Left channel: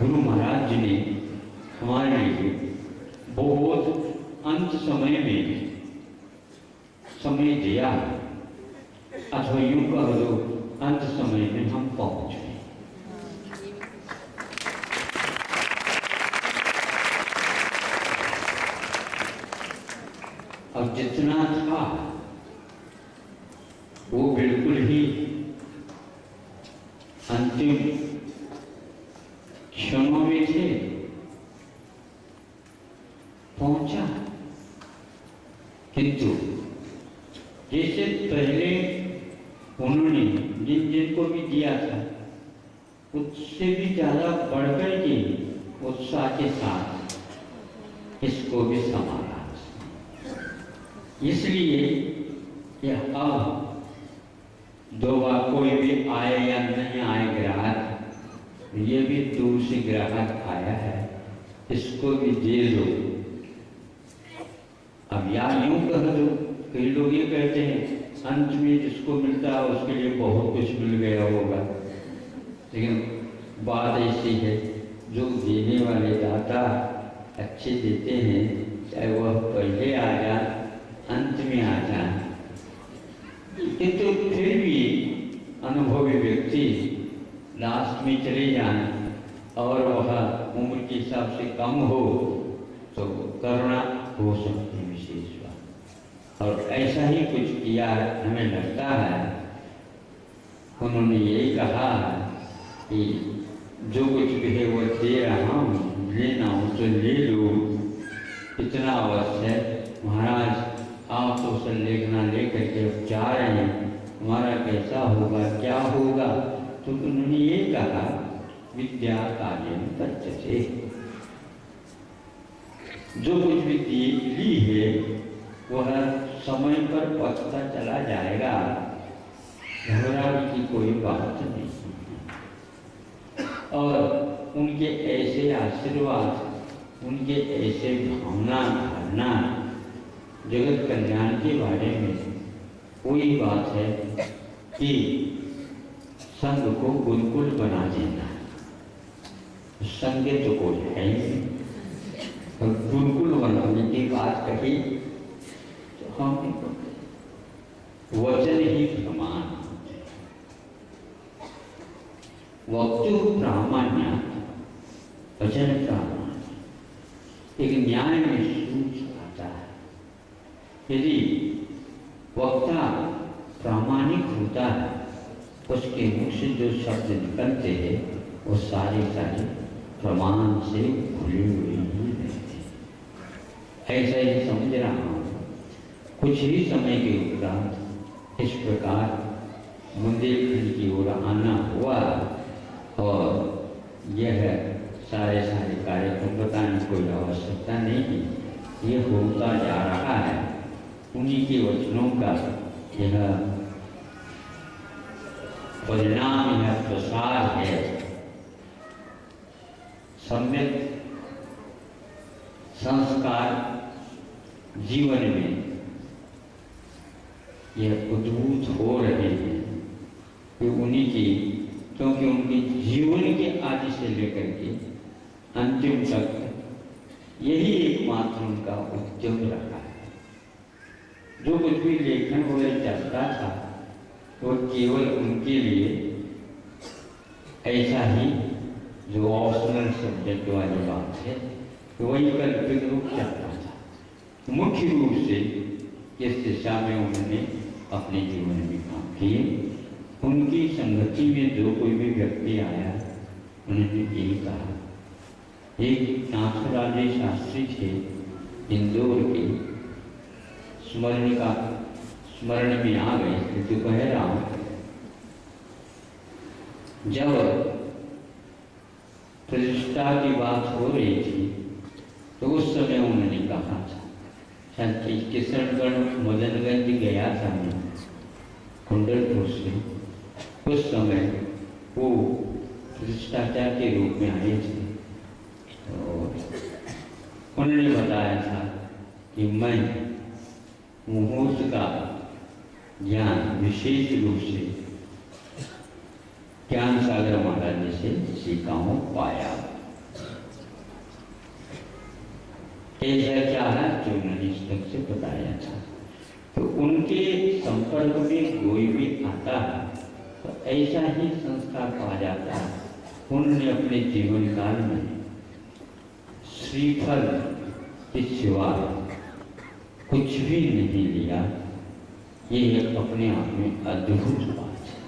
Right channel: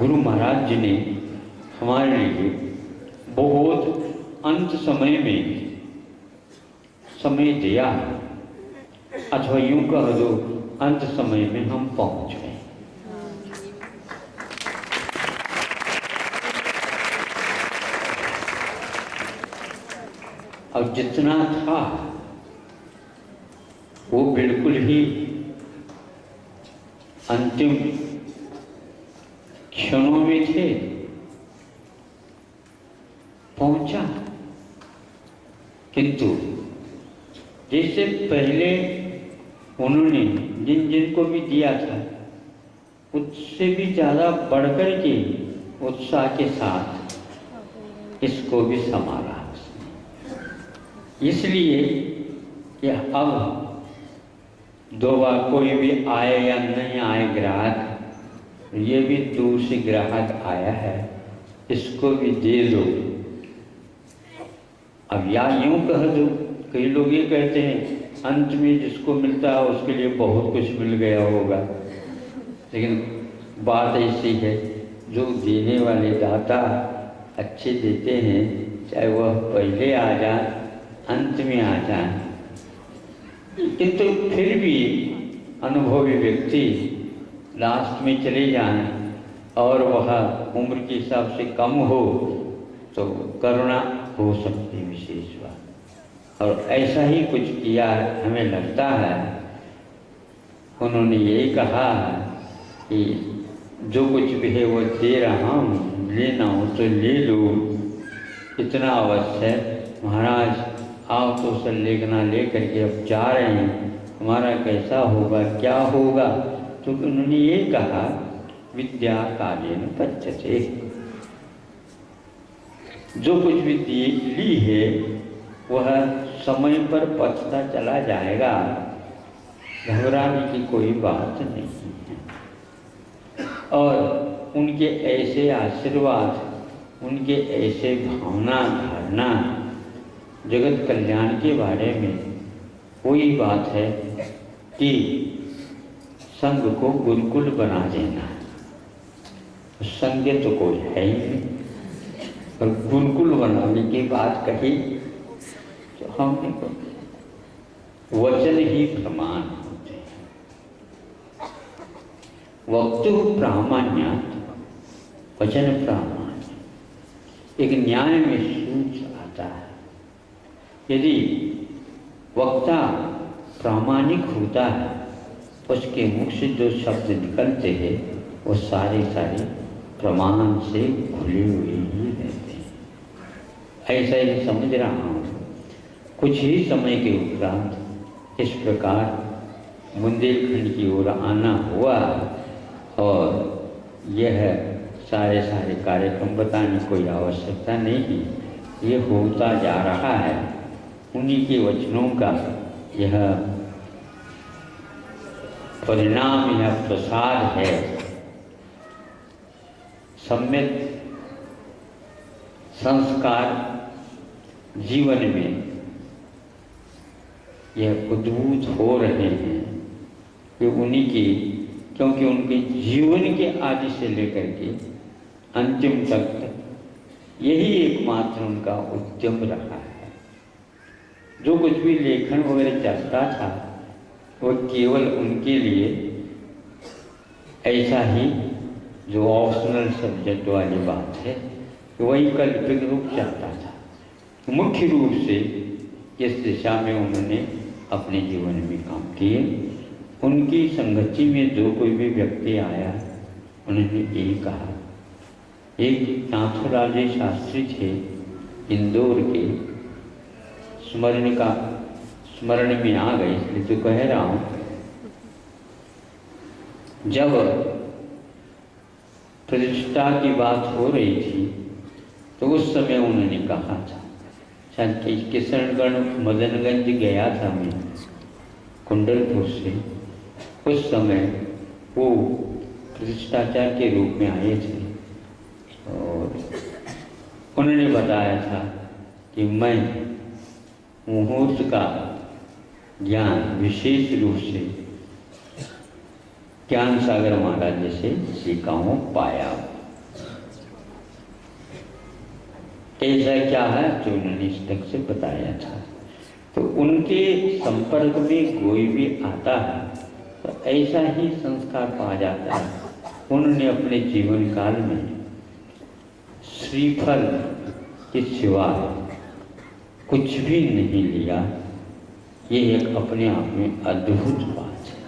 गुरु महाराज जी ने हमारे लिए बहुत अंत समय में समय दिया है, अथवा यूं कह दो अंत समय में हम पहुंच गए। और जितना था वो बिल्कुल ही अंतिम क्षणों में थे, पहुंचा। किंतु जैसे पहले उन्होंने जिन जिनको भी दिया था उससे भी ज़्यादा बढ़कर के उत्साह के साथ इसको भी संभाला। इसलिए कि अब दो बार कोई भी आए या नहीं आए ग्राहक, ये भी दूर से ग्राहक आया है, इसको भी दे दो। अब या यूं कह दो, कई लोग ये कहते हैं अंत में जिसको मिलता है उसके लिए बहुत कुछ मिल गया होगा, लेकिन बात ऐसी है जो देने वाले दाता अच्छे देते हैं, चाहे वह पहले आ जाए अंत में आ जाए, किंतु फिर भी अनुभवी व्यक्ति लास्ट में चले जाएं और वह उम्र के हिसाब से कम हो तो करुणा हो सकती है विशेष बात। और ऐसा ही कुछ किया है, हमें लगता है। उन्होंने यही कहा कि जो कुछ भी है वो दे रहा हूँ, लेना हो तो ले लो, इतना अवश्य है। महाराज आओ तो संलेखना लेकर के अब जा रहे हैं, हमारा कैसा होगा क्या होगा। तो उन्होंने ये कहा विद्या कालेन पच्यते, जो कुछ भी ली है वह समय पर पचता चला जाएगा, घबराने की कोई बात नहीं है। और उनके ऐसे आशीर्वाद, उनके ऐसे भावना धारणा जगत कल्याण के बारे में कोई बात है कि संघ को गुरुकुल बना देना, संघ तो कोई है ही नहीं, और गुरुकुल बनाने की बात कही तो हम वचन ही प्रमाण होते, वक्तु प्रामाण्य वचन प्रामाण्य, एक न्याय में सूच आता है। यदि वक्ता प्रामाणिक होता है, उसके मुख से जो शब्द निकलते हैं वो सारे प्रमाण से खुले हुए ही रहते हैं। ऐसा ही समझ रहा हूँ। कुछ ही समय के उपरांत इस प्रकार बुंदेलखंड की ओर आना हुआ और यह सारे कार्यक्रम बताने की कोई आवश्यकता नहीं है, ये होता जा रहा है। उन्हीं के वचनों का यह परिणाम, यह प्रसार है। सम्यक संस्कार जीवन में यह उद्भूत हो रहे हैं कि उन्हीं की, क्योंकि उनके जीवन के आदि से लेकर के अंतिम तक यही एकमात्र उनका उद्यम रहा है। जो कुछ भी लेखन वगैरह चलता था वो केवल उनके लिए ऐसा ही जो ऑप्शनल सब्जेक्ट वाली बात है कि वही कल्पित रूप चलता था। मुख्य रूप से इस दिशा में उन्होंने अपने जीवन में काम किए। उनकी संगति में जो कोई भी व्यक्ति आया उन्होंने यही कहा। एक नाथुराज शास्त्री थे इंदौर के, स्मरण में आ गए, इसलिए तो कह रहा हूँ। जब प्रतिष्ठा की बात हो रही थी तो उस समय उन्होंने कहा था, किशनगढ़ मदनगंज गया था मैं कुंडलपुर से, उस समय वो प्रतिष्ठाचार्य के रूप में आए थे और उन्होंने बताया था कि मैं मुहूर्त का ज्ञान विशेष रूप से ज्ञान सागर महाराज जी से सीखा हूँ, पाया। कैसा क्या है जो उन्होंने इस ढंग से बताया था। तो उनके संपर्क में कोई भी आता है तो ऐसा ही संस्कार पा जाता है। उन्होंने अपने जीवन काल में श्रीफल के सिवा कुछ भी नहीं लिया। ये एक अपने आप में अद्भुत बात है।